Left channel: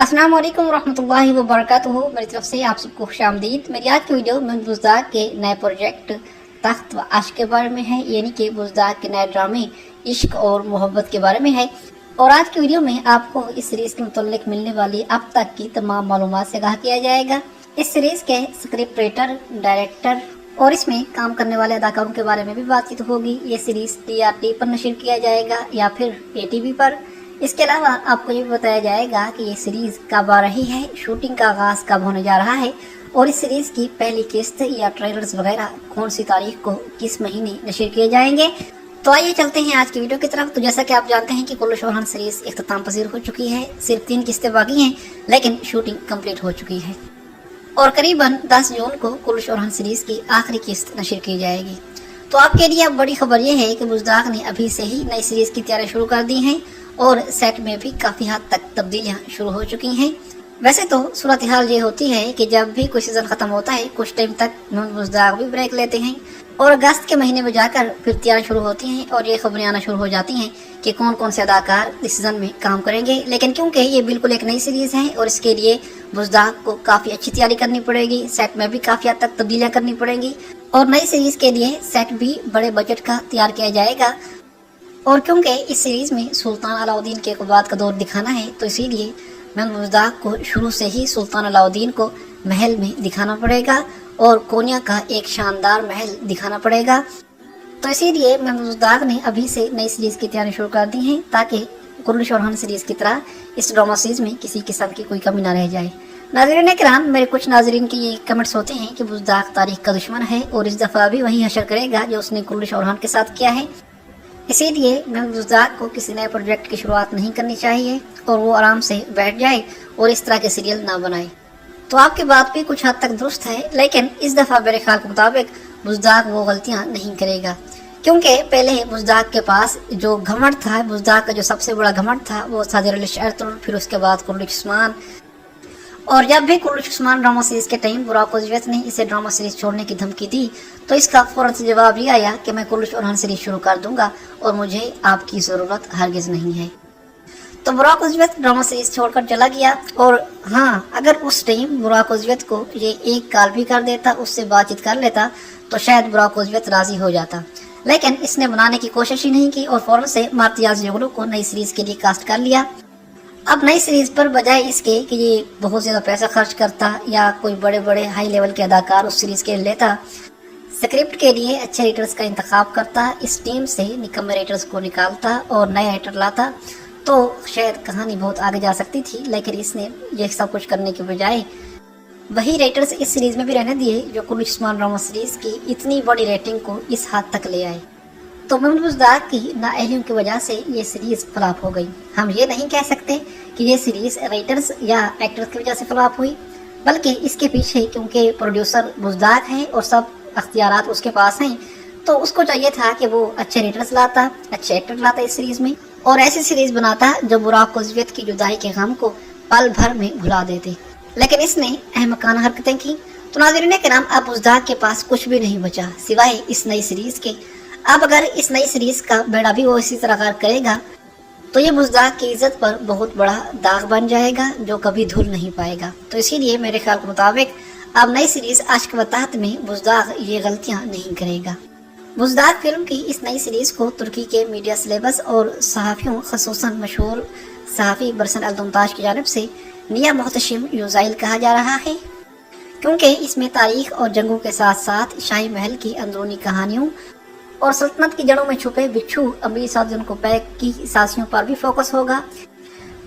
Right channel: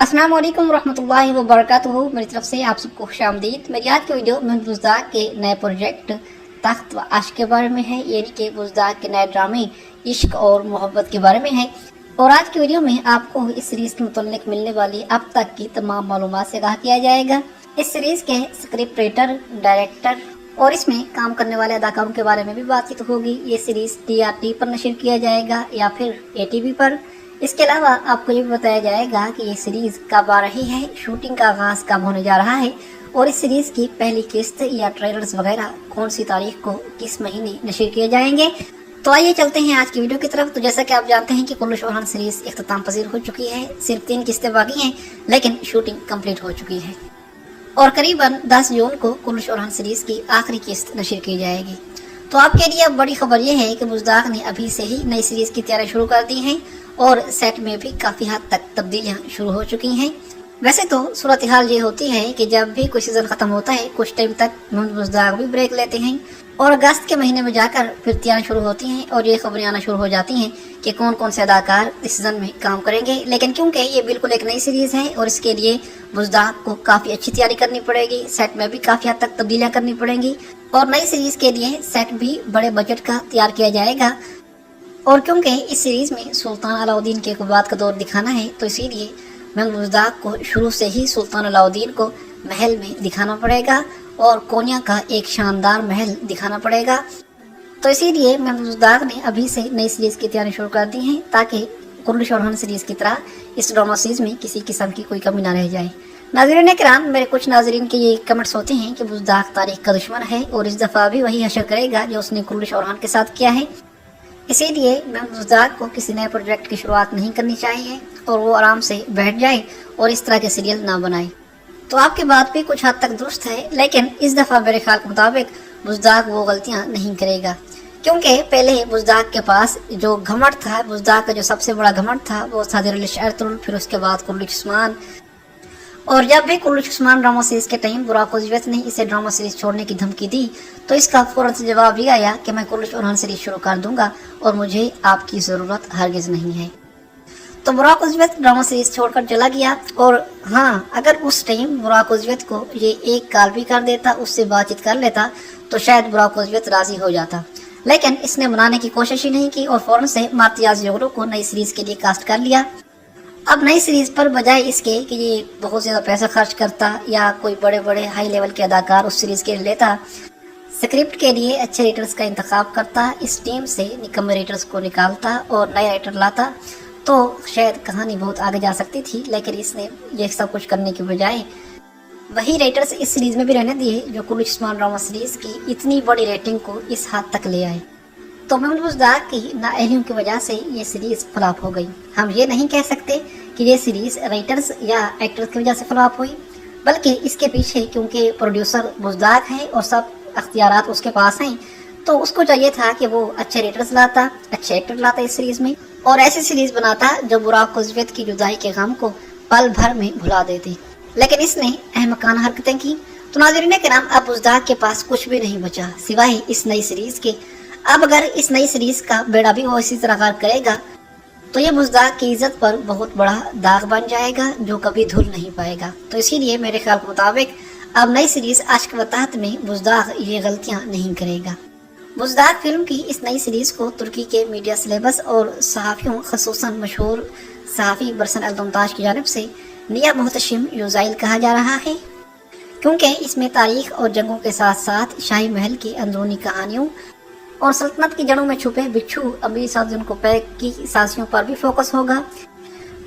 अस्सलाम वालेकुम रहमतुल्लाहि व बरकातुहू। मेरी तरफ से आप सबको खुशामदीद। मेरी आज की वीडियो महमूद बुज़दार के नए प्रोजेक्ट तख्त व आशिक के बारे में है, यानी कि बुज़दार के नए ड्रामे इश्क और मोहब्बत के बारे में है। और आज की वीडियो में आपको इस सीरीज के मुताल्लिक मिलने वाली अब तक की तमाम मालूमात से आगाह किया जाएगा। इस सीरीज के स्क्रिप्ट राइटर, डायरेक्टर और इसमें काम करने वाले अदाकारों के बारे में भी बातचीत होगी। ये सीरीज TRT पर नशर किया जाएगा या फिर ATV पर। इसके अलावा आपको ये भी बताया जाएगा कि ये सीरीज कब आ रही है, शूटिंग का आगाज कब होने जा रहा है और इस सीरीज की पहली किस्त या ट्रेलर्स वगैरह कौन सी तारीख को किस महीने नशर किए जाएंगे। तो आइए चलते हैं आज की वीडियो की तरफ। तो जैसा कि आप जानते हैं कि कुल्लू शौहान सीरीज इख्तिताम पजीर हो चुकी है। सिर्फ 3 किस्तें बाकी हैं, लेकिन शूटिंग कंप्लीट हो चुकी है और करीबन 10 जून को कुल्लू शौहान सीरीज की आखिरी किस्त नशर की जाएगी। तो आपके लिए अब बड़ी खबर यह है कि बुज़दार ने अभी से ही नई सीरीज की तैयारी शुरू कर दी है और सेट में भी काफी हद तक तब्दीलियां शुरू हो चुकी हैं। वैसे तो सूरत हाल ये होती है कि जब भी कोई सीजन खत्म होता है कुछ टाइम तक बुज़दार भी ब्रेक लेते हैं और अगस्त के महीने में जाकर फिर तैयारी शुरू होती हैं और ये खबरें आना शुरू हो जाती हैं कि कौन कौन से अदाकार इस सीजन में काम करेंगे। लेकिन क्योंकि ये बिल्कुल एक नई सीरीज है और इसके लिए बुज़दार को काफी अच्छी तैयारी करनी पड़ेगी, सेट में भी काफी हद तक तब्दीलियां करनी पड़ेंगी और नई सीरीज के लिए सेट भी बड़े बजट का तैयार किया जाएगा। और क्योंकि इस सीरीज में सुल्तान अलाउद्दीन के बाद का दौर दिखाना है तो इसीलिए बुज़दार को शुरू से ही सुल्तान अलाउद्दीन को महल में दिखाना पड़ेगा और कोन्या का एक शानदार महल दिखाना पड़ेगा। तो इसीलिए बुज़दार ने अभी से नई सीरीज की तैयारी शुरू कर दी है ताकि कुल्लू शौहान सीरीज की तरह इस ड्रामा सीरीज में किसी किस्म की कोई कमी न रह जाए। नाज़रीन किराम, मेरे कुछ नाज़रीन के ये कमेंट्स होते हैं कि बुज़दार तारीख का दुश्मन है और इस दफा भी वही हशर करेगा जो उसने कुल्लू शौहान के साथ किया है। इसीलिए बुज़दार को किसी नए प्रोजेक्ट की शुरुआत नहीं करनी चाहिए और वो आराम से बैठ जाए और इस तरह के सीरियल ना बनाए। तो आपकी बात भी कुछ हद तक दुरुस्त है, लेकिन इस दफा मेरे ख्याल के मुताबिक बुज़दार वो गलतियां नहीं करेगा क्योंकि पहले बुज़दार के पास जो घमंड था, बुज़दार का जो सबसे बड़ा घमंड था वो था शरतुल, फिर उसके बाद कुल्लू उस्मान। और जब भी कुल्लू उस्मान ड्रामा सीरीज के टाइम बुराक उज़्वत ने इसे ड्रामा सीरीज छोड़ने की धमकी दी तो इसका फौरन से जवाब ये आया कि मैं कुल्लू शौहान सीरीज शुरू कर दूंगा और मुझे आपकी जरूरत हरगिज नहीं है। तो बुराक उज़्वत ड्रामा सीरीज छोड़कर चला गया और हाँ, अगर उस टाइम बुराक उज़्वत को ये एक कॉल भी कर देता, उससे बातचीत कर लेता तो शायद बुराक उज़्वत राजी हो जाता, लेकिन इसने बनाने की कोशिश ही नहीं की और फौरन से मार्तियाज जोगनू को नई सीरीज के लिए कास्ट कर लिया। अब नई सीरीज पर बजाय इसके कि ये बहुत ज्यादा पैसा खर्च करता या कोई बड़े बड़े हाई लेवल के अदाकार उस सीरीज के लिए लेता, स्क्रिप्ट के लिए अच्छे राइटर्स का इंतखाब करता, इस टीम से निकम्मे राइटर्स को निकालता और नए राइटर लाता तो शायद कहानी बहुत आगे जा सकती थी। लेकिन इसने ये सब कुछ करने के बजाय वही राइटर्स इस सीरीज में भी रहने दिए जो कुल्लू उस्मान ड्रामा सीरीज की इतनी बड़ी रेटिंग को इस हद तक ले आए। तो बुज़दार की नाअहलियों की वजह से ये सीरीज फ्लॉप हो गई। हम ये नहीं कह सकते कि ये सीरीज राइटर्स या एक्टर्स की वजह से फ्लॉप हुई, बल्कि इसके पीछे क्योंकि प्रोड्यूसर बुज़दार है और सब अख्तियारात उसके पास हैं तो उसको चाहिए था कि वो अच्छे राइटर्स लाता, अच्छे एक्टर लाता इस सीरीज में और ऐसी सीरीज बनाता जो बुराक उज़्वत की जुदाई के गम को पल भर में भुला देती। लेकिन इसने अहमकाना हरकतें की। तो नाज़रीन के नाम अब बुज़दार के पास कुछ भी नहीं बचा सिवाय इस नई सीरीज के। अब अगर इस नई सीरीज का बेड़ा भी वो इसी तरह करेगा तो ये बुज़दार की इज्जत पर बहुत बड़ा दाग बन जाएगा जो कभी धुल नहीं पाएगा। तो इसीलिए मेरे ख्याल के मुताबिक अब नई सीरीज आशिक व तख्त में बुज़दार ये गलतियां नहीं करेगा। बुज़दार फिल्म की इस नई सीरीज को तुर्की के मीडिया सिलेबस और सहाफ़ियों, खसूसन मशहूर सहाफ़ी बरसन अल-दुमताश की जानिब से निया मोहतशिम यूज़ाइल कहा जा रहा है क्योंकि इसमें तारीख और जंगों के साथ साथ शाही महल की अंदरूनी कहानियों और सल्तनत की जड़ों में छुपे बिच्छू अमीर साजन को पैक की साजिशों पर भी फोकस होगा।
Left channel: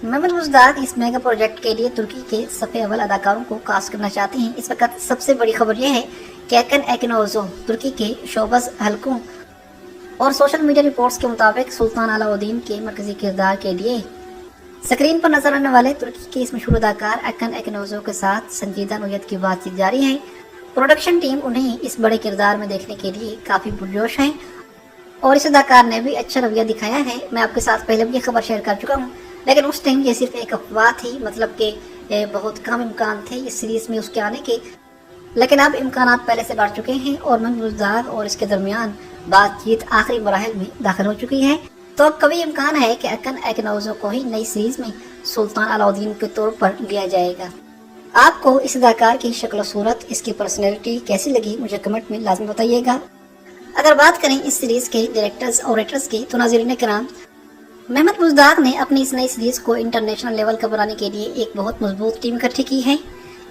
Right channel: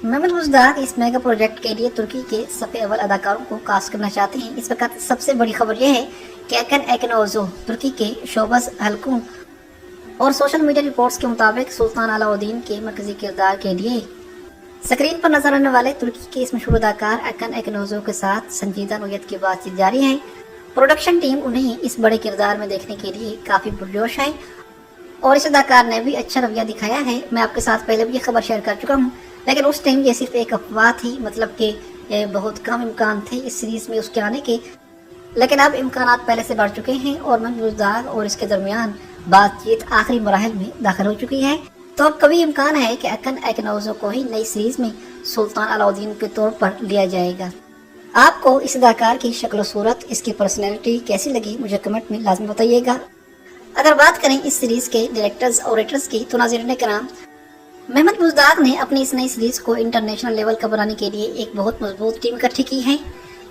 महमूद बुज़दार इस मेगा प्रोजेक्ट के लिए तुर्की के सफ़े अव्वल अदाकारों को कास्ट करना चाहते हैं। इस वक्त सबसे बड़ी खबर यह है कि अकन एकनोज़ो तुर्की के शोबस हल्कुम और सोशल मीडिया रिपोर्ट्स के मुताबिक सुल्तान अलाउद्दीन के मरकजी किरदार के लिए स्क्रीन पर नजर आने वाले तुर्की के इस मशहूर अदाकार अकन एकनोज़ो के साथ संजीदा नोयत की बातचीत जारी है। प्रोडक्शन टीम उन्हें इस बड़े किरदार में देखने के लिए काफी पुरजोश है और इस अदाकार ने भी अच्छा रवैया दिखाया है। मैं आपके साथ पहले भी ये खबर शेयर कर चुका हूँ, लेकिन उस टाइम ये सिर्फ एक अफवाह थी, मतलब कि बहुत कम इम्कान थे इस सीरीज में उसके आने के, लेकिन अब इम्कान पहले से बढ़ चुके हैं और बुज़दार और इसके दरमियान बातचीत आखिरी मराहल में दाखिल हो चुकी है। तो अब कभी इम्कान है कि अकन एकनोज़ो को ही नई सीरीज में सुल्तान अलाउद्दीन के तौर पर लिया जाएगा। आपको इस अदाकार की शक्ल सूरत, इसकी पर्सनैलिटी कैसी लगी, मुझे कमेंट में लाजमी बताइएगा। अगर बात करें इस सीरीज के डायरेक्टर्स और राइटर्स की, तो नाज़रीन किराम, मेहमद बुज़दाग ने अपनी इस नई सीरीज को इंटरनेशनल लेवल का बनाने के लिए एक बहुत मजबूत टीम इकट्ठी की है।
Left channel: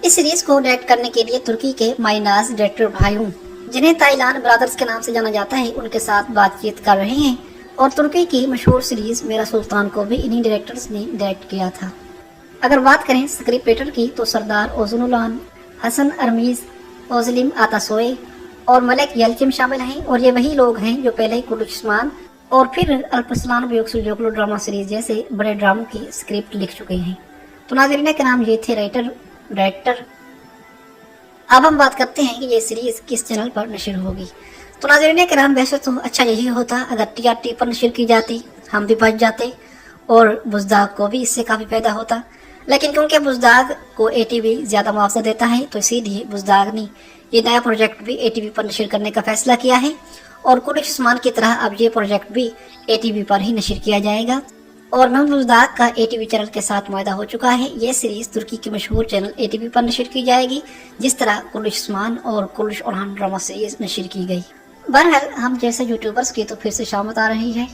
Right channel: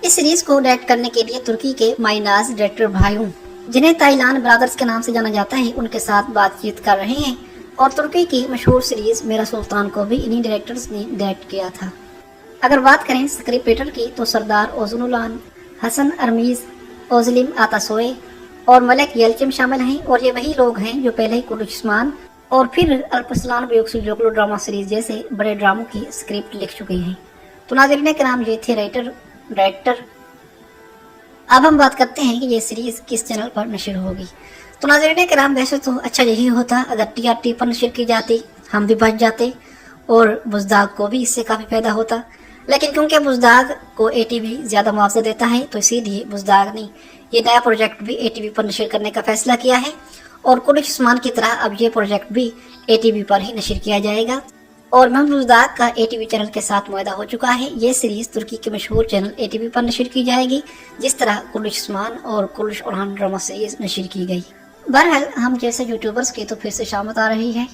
इस सीरीज को डायरेक्ट करने के लिए तुर्की के माइनाज डायरेक्टर भाइयों, जिन्हें ताइलान ब्रदर्स के नाम से जाना जाता है, उनके साथ बातचीत कर रहे हैं। और तुर्की की मशहूर सीरीज मेरा सुल्तान को भी इन्हीं डायरेक्टर्स ने डायरेक्ट किया था। अगर बात करें स्क्रिप्ट राइटर की, तो सरदार ओजुलुलान, हसन अरमीज, ओजलिम आतासोए और मलिक यल्चिम शामिल हैं। और ये वही लोग हैं जो पहले ही कुलुस्मान और फिर अल्पसलान बेयोक्सुल ड्रामा सीरीज जैसे बड़े ड्रामों की स्क्रिप्ट लिख चुके हैं। तो नाज़रीन किराम, ये थे राइटर डायरेक्टर। अब हम बात करते हैं कि ये सीरीज किस चैनल पर नशर होगी। तो नाज़रीन किराम, वैसे तो अच्छा यही होता अगर TRT पर नशर की जाती, हम भी बच जाते और बुज़दाग को भी इससे काफ़ी फायदा होता। लेकिन क्योंकि बुज़दाग को ATV ज़्यादा मुआवजा देता है, तो इसीलिए बुज़दाग ने ये नया प्रोजेक्ट भी ATV पर नशर करने का फैसला किया है। और कुलुस्मान की तरह अब ये प्रोजेक्ट भी ATV पर ही नशर किया जाएगा। और मेहमद बुज़दाग का ATV चैनल के साथ मुआहदा हो चुका है। ये सीरीज तुर्की के मशहूर चैनल ATV पर नशर की जाएगी, जिस तरह कुलुस्मान और कुलुश ओरहान ड्रामा सीरीज नशर की गई। बहरहाल हम जैसे यूट्यूबर्स की तो फिर से शामत आ रही है,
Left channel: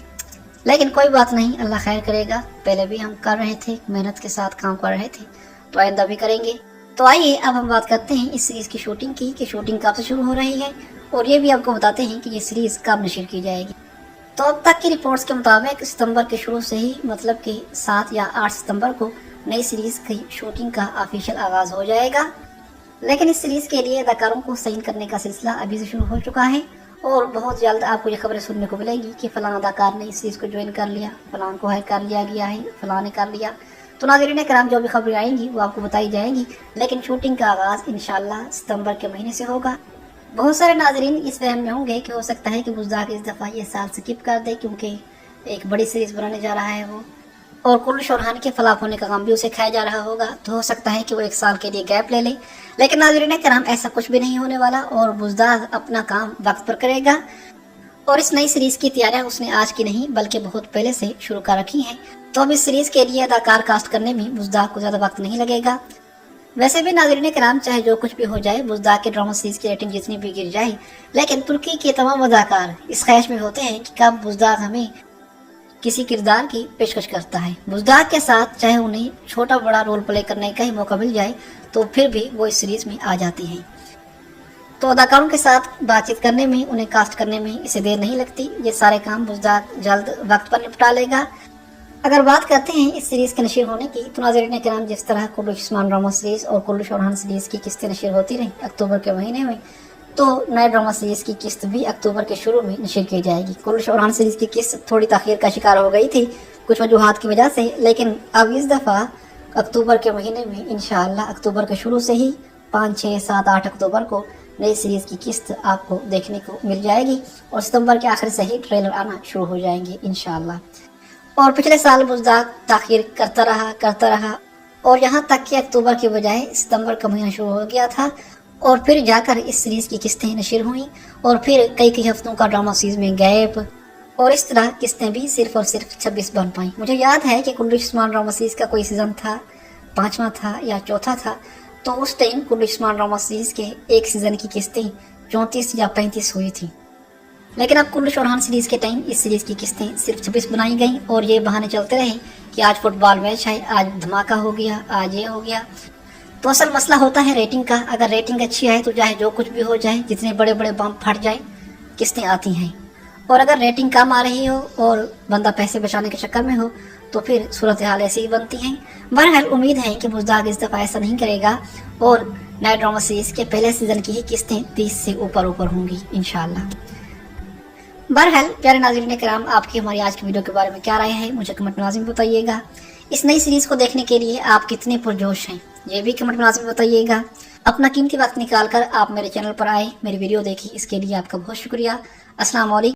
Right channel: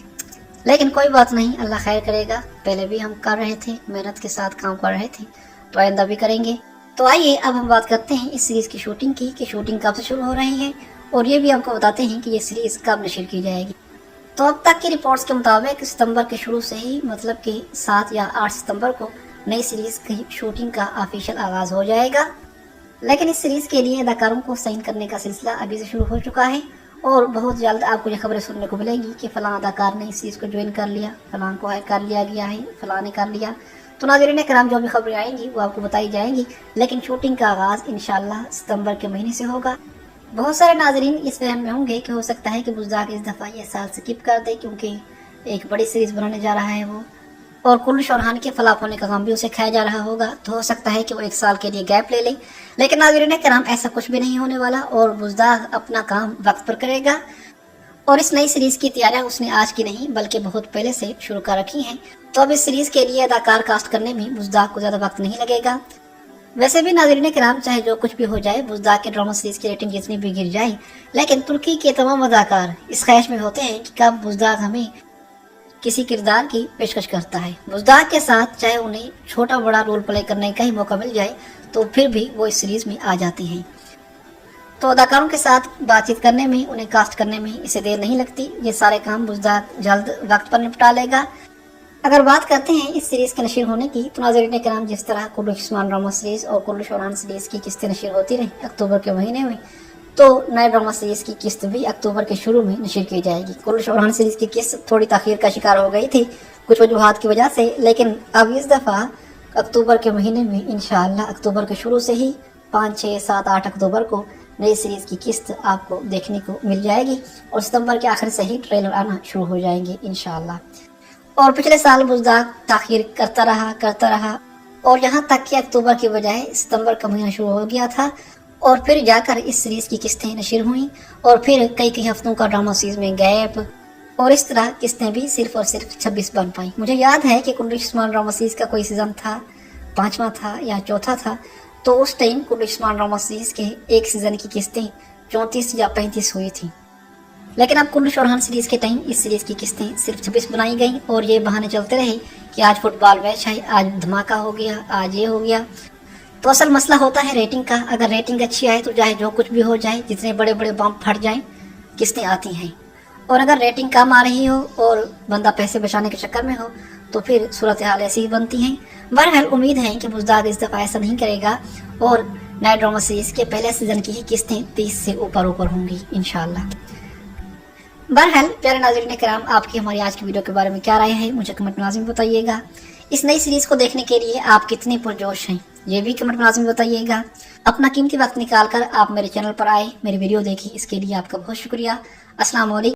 लेकिन कोई बात नहीं, अल्लाह खैर करेगा। पहले भी हम कर रहे थे, मेहनत के साथ काम कर रहे थे, तो आइंदा भी करेंगे। तो आइए अब हम बात करते हैं इस सीरीज की शूटिंग की, कि शूटिंग कब से शुरू हो रही है, और ये भी आपको बताते हैं कि ये सीरीज कब नशर की जाएगी। तो अब तक की रिपोर्ट्स के मुताबिक सितंबर के शुरू से ही, मतलब कि 7 या 8 सितंबर को नई सीरीज की शूटिंग का ऑफिशियल आगाज हो जाएगा। लेकिन इस सीरीज के लिए अदाकारों को साइन करने का सिलसिला अभी से शुरू हो चुका है, और बहुत जल्द आपको ये खबरें सुनने को मिलेंगी कि फलां अदाकार ने इस चीज़ को ज्वाइन कर लिया, फलां को है कर लिया गया है, फलां ने कर लिया। तो नाज़रीन किराम, जो भी खबरें आएंगी वो आपको बताई जाएगी। लेकिन शूटिंग का आगाज इंशाल्लाह सितंबर के महीने से होगा। बहुत सारे नाजरीन इस फहम में होंगे कि हो सकता है कि बुज़दाग इस दफ़ा ये साल स्किप कर दे, क्योंकि एक बड़ी सीरीज बनाने जा रहा है वो, और कुलुश ओरहान के फलाप होने का गम भी उसे खाया जा रहा होगा। तो हो सकता है कि वो 1 साल के लिए गैप ले ले। लेकिन नाज़रीन किराम, ऐसा कुछ भी नहीं होने वाला, और बुज़दाग अपना काम वक्त पर करेगा। और इस नई सीरीज की तैयारियां उसने आज की नहीं बल्कि बहुत पहले से शुरू कर रखी हैं। तो अब इस सीरीज के लिए अदाकार कास्ट करने में बुज़दाग को ज्यादा वक्त नहीं लगेगा। वैसे भी नाज़रीन किराम, चाहे जो कुछ भी हो जाए, बुज़दाग के ड्रामा सीरीज की रेटिंग जितनी भी गिर जाए, लेकिन तुर्की के तमाम अदाकार इस ख्वाहिश में होते हैं कि कब बुज़दाग हमें किसी किरदार की पेशकश करता है। बुज़दाग के साथ चाहे उन्हें छोटा बड़ा रोल प्ले करने का ही मौका मिल जाए, तो फिर भी वो इस सीरीज में आ जाती हैं। तो अदाकारों के साथ बातचीत करने में, उन्हें कास्ट करने में इसे देर नहीं लगती। ये सारे काम बुज़दाग जल्द वक्त पर निपटा लेगा। अगर बात करते हैं इस सीरीज के नशर होने की, तो नाज़रीन किराम, जिस तरह कुलुस्मान ड्रामा सीरीज और कुलुश ओरहान सीरीज की किस्तें नशर होती रही अक्टूबर के महीने में, तो नए ड्रामा सीरीज की किस्त भी अक्टूबर के शुरू में नशर की जाएगी। कुलुश ओरहान सीरीज की किस्त थोड़ी ताखीर का शिकार हो गई थी कुछ वजूहात की वजह से, लेकिन अब इस दफ़ा अक्टूबर के महीने में इंशाअल्लाह अक्टूबर के शुरू से ही 5, 6, 7, 8 अक्टूबर को नई सीरीज की किस्त आपको देखने को मिल जाएगी, और सितंबर के आखिर से ही ट्रेलर आना शुरू हो जाएंगे इंशाअल्लाह। और पिछले साल बुज़दाग ताखीर करता रहा और यहाँ तक कि अक्टूबर की बजाय सितंबर का महीना शुरू हो गया था, और फिर जाकर इस सीरीज की किस्तें नशर हुई, और फिर कई हफ्तों का ड्रामा सीरीज में गैप, और इस तरह किस्तें भी सिर्फ और सिर्फ 26 बन पाई। मुझे याद है कि कुलुस्मान ड्रामा सीरीज का कोई सीजन था, 5वां था या 4था था, तो उस टाइम कुलुस्मान ड्रामा सीरीज के एक सीजन की किस्तें 34 या 35 हुई थी। लेकिन अब कुलुश ओरहान सीरीज के टाइम इस सीरीज की किस्तें सिर्फ 26 बनाई गई, और ये बहाने चलते रहे कि आज फुटबॉल मैच है, आज धमाका हो गया, आज ये हो गया। तो असल मसला होता है रेटिंग का। अगर रेटिंग अच्छी है तो चाहे जो कुछ भी हो जाए, जितने बड़े बड़े बम फट जाए, किस्तें आती हैं। और अगर रेटिंग कम आ रही हो और बंदा पैसे बचाने के चक्कर में हो, तो फिर सूरत हाल ऐसी ही बनती हैं। बहरहाल उम्मीद है कि बुज़दाग इस दफ़ा ऐसा नहीं करेगा, और नए ड्रामा सीरीज के पहले सीजन की ही किस्तें 30 से ऊपर होंगी इंशाअल्लाह। बहरहाल प्यारे नाज़रीन किराम, आपकी हमारी आज की वीडियो के बारे में क्या राय है, मुझे कमेंट में लाज़िम बताइएगा। इस नई सीरीज को देखने के लिए आप कितने पुरजोश हैं, ये भी कमेंट में लाज़िम बताइएगा। अपना कीमती वक्त निकाल कर आप मेरे चैनल पर आए, मेरी वीडियो देखी, इसके लिए आपका बहुत शुक्रिया। अस्सलाम वालेकुम।